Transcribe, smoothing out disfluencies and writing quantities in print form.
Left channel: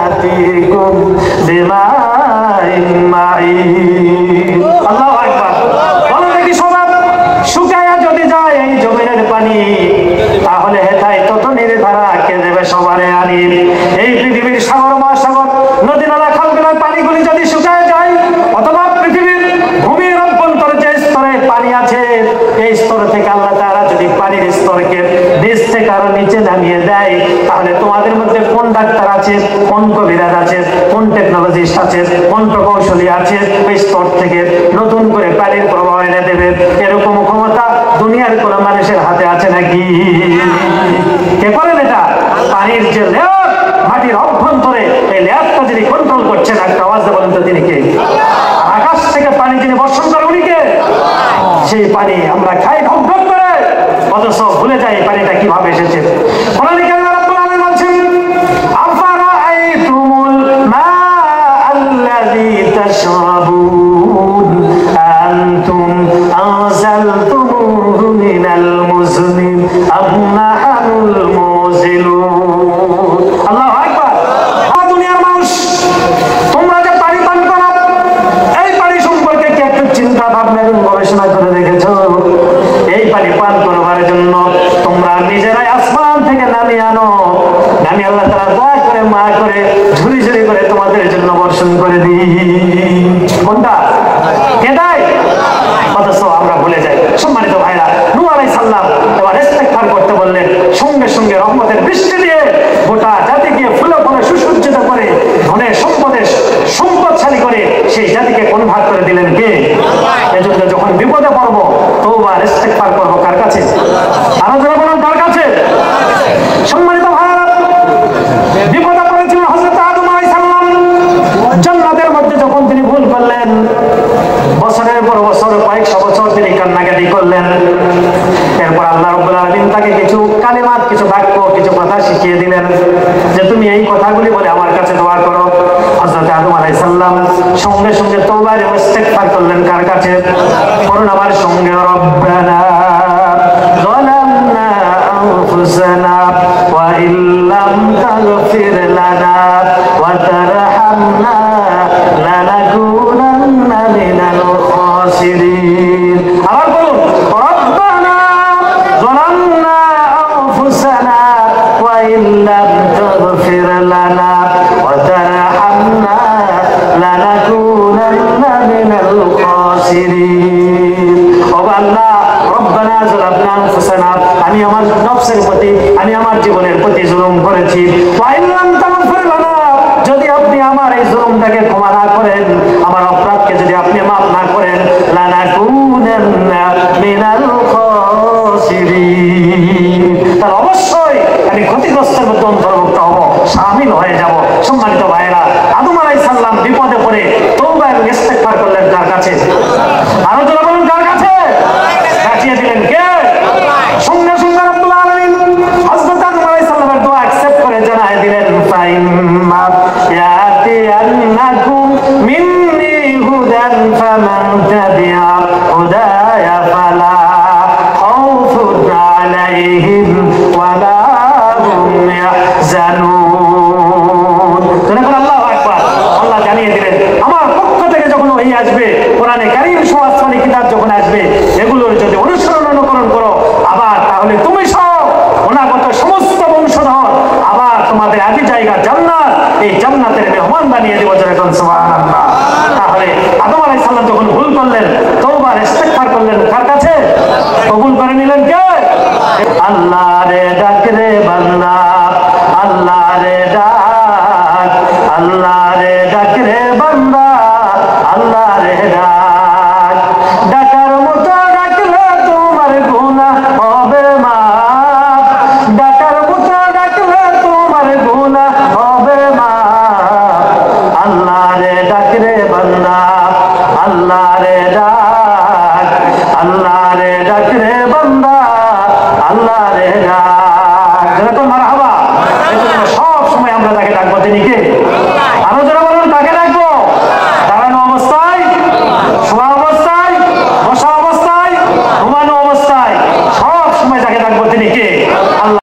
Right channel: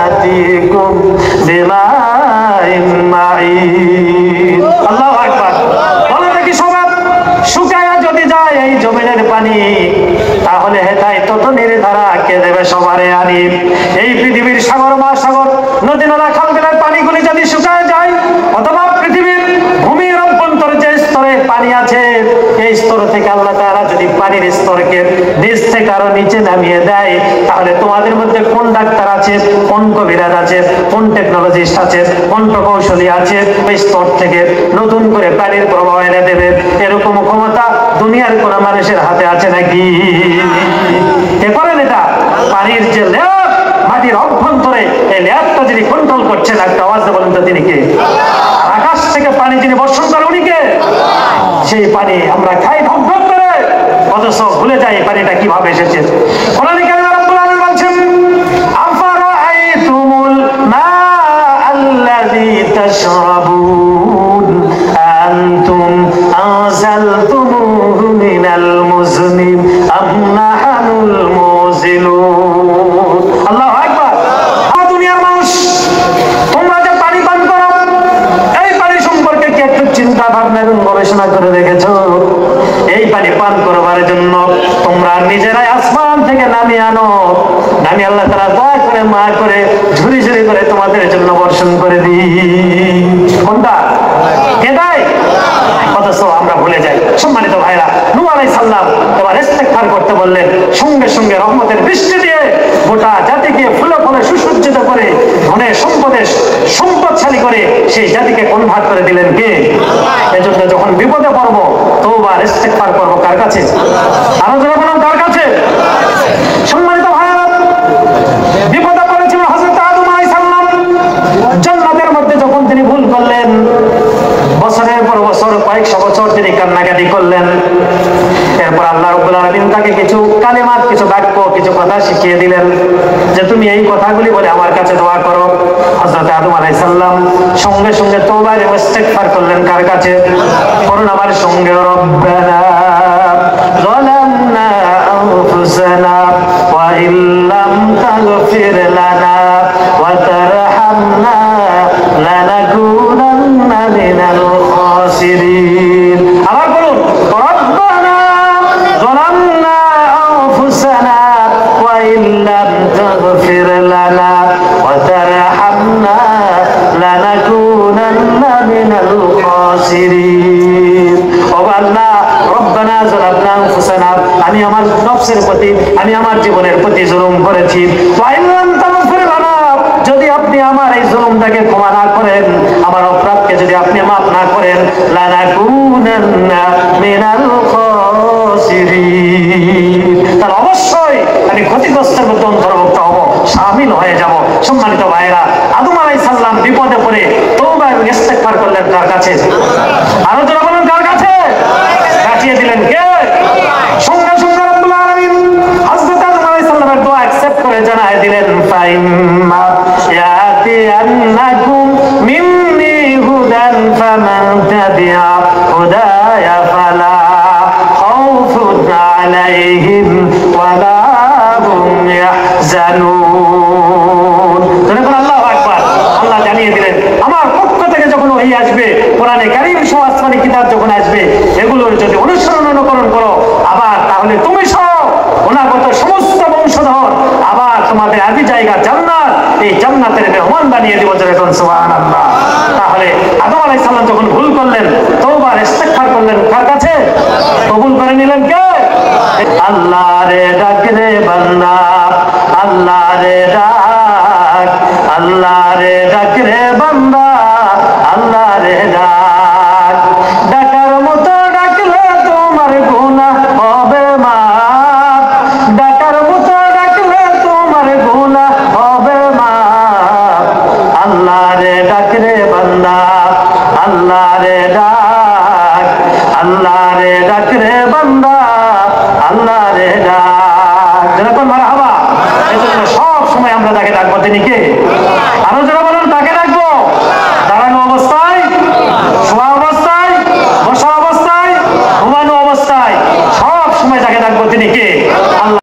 ইয়াতিকুম বিমাইন মাঈন। আল্লাহু আকবার। বলে দেখি সবাই, শুকায়া যদি যায় এই জমিনের পানি, তাহলে হেথায় তত নির্ধারা কে দেবে সবারে আনি। এই পৃথিবীর সাগর মহাসাগর নদী নালা খাল বিলের পানিগুলি যদি শুকায় যায়, অথবা পৃথিবীর ভূমির অভ্যন্তরে যে স্তরে পানি আছে এই স্তর থেকে আল্লাহ তাআলা যদি পানির স্তরকে নিচ থেকে আরো নিচে নামিয়ে দেয়, তাহলে তোমাদের মধ্যে কোন ডাক্তার আছে, কোন কবিরাজ আছে, কোন টেকনোলজিস্ট আছে, কোন প্রকৌশলী আছে এই স্তর থেকে নতুন করে পানির প্রবাহ এনে দেবে? এরকম ক্ষমতা দুনিয়ার কোন মানুষের হাতে আছে নাকি? কে করেন এটা? পানির যে লেয়ার, মাটির অভ্যন্তরে এই লেয়ারটা যিনি কন্ট্রোল করছেন, একটা আওয়াজ বলেন তো তিনি কে? আকাশ থেকে পানি যিনি বর্ষণ করেন উনি কে? সেই পানি আমরা খাই ঢক ঢক করে, অথচ ভুলে যাই পানিটা কিভাবে এসেছে। কোরআনে কারিমে রব্বুল আলামিন বলছেন, আফারাআইতুমুল মাআল্লাযী তাশরাবুন আনতুম আনজালতুমুহু মিনাল মুজনি আম নাহনুল মুযিলুন। আল্লাহু আকবার। দুনিয়ার মানুষ, তোমরা যে পানি পান করো, এই পানি সম্পর্কে কি একটু চিন্তা ভাবনা এবং গবেষণা করে দেখেছো? এই পানি পান করবার জন্য তোমরা নিজেরাই আসমান থেকে নামিয়ে আনো, নামিয়ে আল্লাহ তাআলা দয়া করে মা করে ঝুরি ঝুরি করে তোমাদের জন্য বর্ষণ করে দিই। কোনটা? কে দেয়? অথচ আমরা ভুলে যাই। সম্মানিত ভাইরা, নূহ আলাইহিস সালাম এবার ইস্তেগফার করতে বললেন, সঙ্গে সঙ্গে রহমতের বৃষ্টি দিয়ে গোটা জাতিকে ফুলে ফলে সুসজ্জিত করে ধনে সম্পদে সম্পদশালী করে সেই জাতিকে কনভার্ট করে দিলেন কে? এজন্য যখন বিপদে পড়বো তওবা ইস্তেগফার করবো কার কাছে? আরো যারা বলেন কার কাছে? সম্মানিত ভাইরা, বিপদে পড়েছিলেন হযরত আদম আলাইহিস সালাম। জান্নাতের মধ্যে যখন তিনি ভুল করলেন, বছরের পর বছর কয়েকশো বছর তিনি কান্নাকাটি করলেন। এরপর আল্লাহ রাব্বুল আলামিন তাকে কিছু কালিমাত, কিছু বাক্য, কিছু কথা শিখিয়ে দিলেন যে তুমি এই কথাগুলি বলে আমার কাছে দোয়া করো। হযরত আদম আলাইহিস সালাম সঙ্গে সঙ্গে তওবা এবং ইস্তেগফার করলেন কার কাছে? পড়ুন আমার সঙ্গে, রব্বানা যালামনা আনফুসানা ওয়া ইল্লাম তাগফির লানা ওয়া তারহামনা লানাকুনান্না মিনাল খাসিরিন। আবার বলুন, রব্বানা যালামনা আনফুসানা ওয়া ইল্লাম তাগফির লানা ওয়া তারহামনা লানাকুনান্না মিনাল খাসিরিন। ও আল্লাহ, রব্বানা যালামনা আনফুসানা, আমি আমার নফসের প্রতি, আমি আমার জীবনের প্রতি জুলুম করেছি। ওয়া ইল্লাম তাগফির লানা, যদি আপনি আমার এই জুলুমটাকে ক্ষমা না করেন, আমার অপরাধকে যদি আপনি মাফ না করেন, লানাকুনান্না মিনাল খাসিরিন, তাহলে অবশ্যই আমি ক্ষতিগ্রস্তের মধ্যে অন্তর্ভুক্ত হব, শামিল হয়ে যাব। সম্মানিত ভাইরা, আদম আলাইহিস সালাম বিপদে পড়ে তওবা এবং ইস্তেগফার করলেন কার কাছে? আরো যারা বলুন কার কাছে? কাটিয়ে দিলেন কে? সঙ্গে সঙ্গে রব্বুল আলামিন হযরত আদম আলাইহিস সালামের দোয়া অ্যাকসেপ্ট করে জানায় দিলেন, ফাইম্মা ইয়াতিয়ান্নাকুম মিন্নি হুদান ফামান তাবিআ হুদায়া ফালা খাউফুন আলাইহিম ওয়া লা হুম ইয়াহজানুন। আল্লাহু আকবার। আল্লাহ জানিয়ে দিলেন, আমার পক্ষ থেকে যখন ওহী আসবে, কোরআনে কারীম সহ আসমানি কিতাব যখন আসবে, এগুলোর যদি অনুসরণ অনুকরণ করো, আবার তাহলে তুমি সহ অনাগত সমস্ত বংশধর আবার তোমাদের আদি জায়গা জান্নাত, এই জান্নাতের মেহমান বানিয়ে দেব। সুবহানাল্লাহ। তাহলে আদম আলাইহিস সালাম যখন ভুল করলেন, তওবা ইস্তেগফার করলেন কার কাছে? কবুল করে নিলেন কে? আল্লাহ রে ডাক রে বান্দা, আল্লাহ রে ডাক, আল্লাহ রে ডাক রে বান্দা, আল্লাহ রে ডাক। ডাকার মতো ডাকলে তোমার গুনাহ হবে মাফ, ডাকার মতো ডাকলে তোমার গুনাহ হবে মাফ। আল্লাহ রে ডাক রে বান্দা, আল্লাহ রে ডাক, আল্লাহ রে ডাক রে বান্দা, আল্লাহ রে ডাক। যেরকম মারহাবা, এজন্য সব সময় আমরা যাকে ডাকবো তিনি কে? আরো যারা বলুন কাকে ডাকবো? দাঁড়ানো অবস্থায়, শোয়া অবস্থায়, বসা অবস্থায়, ঘুমানো অবস্থায়, সব সময় যাকে ডাকবো তিনি কে?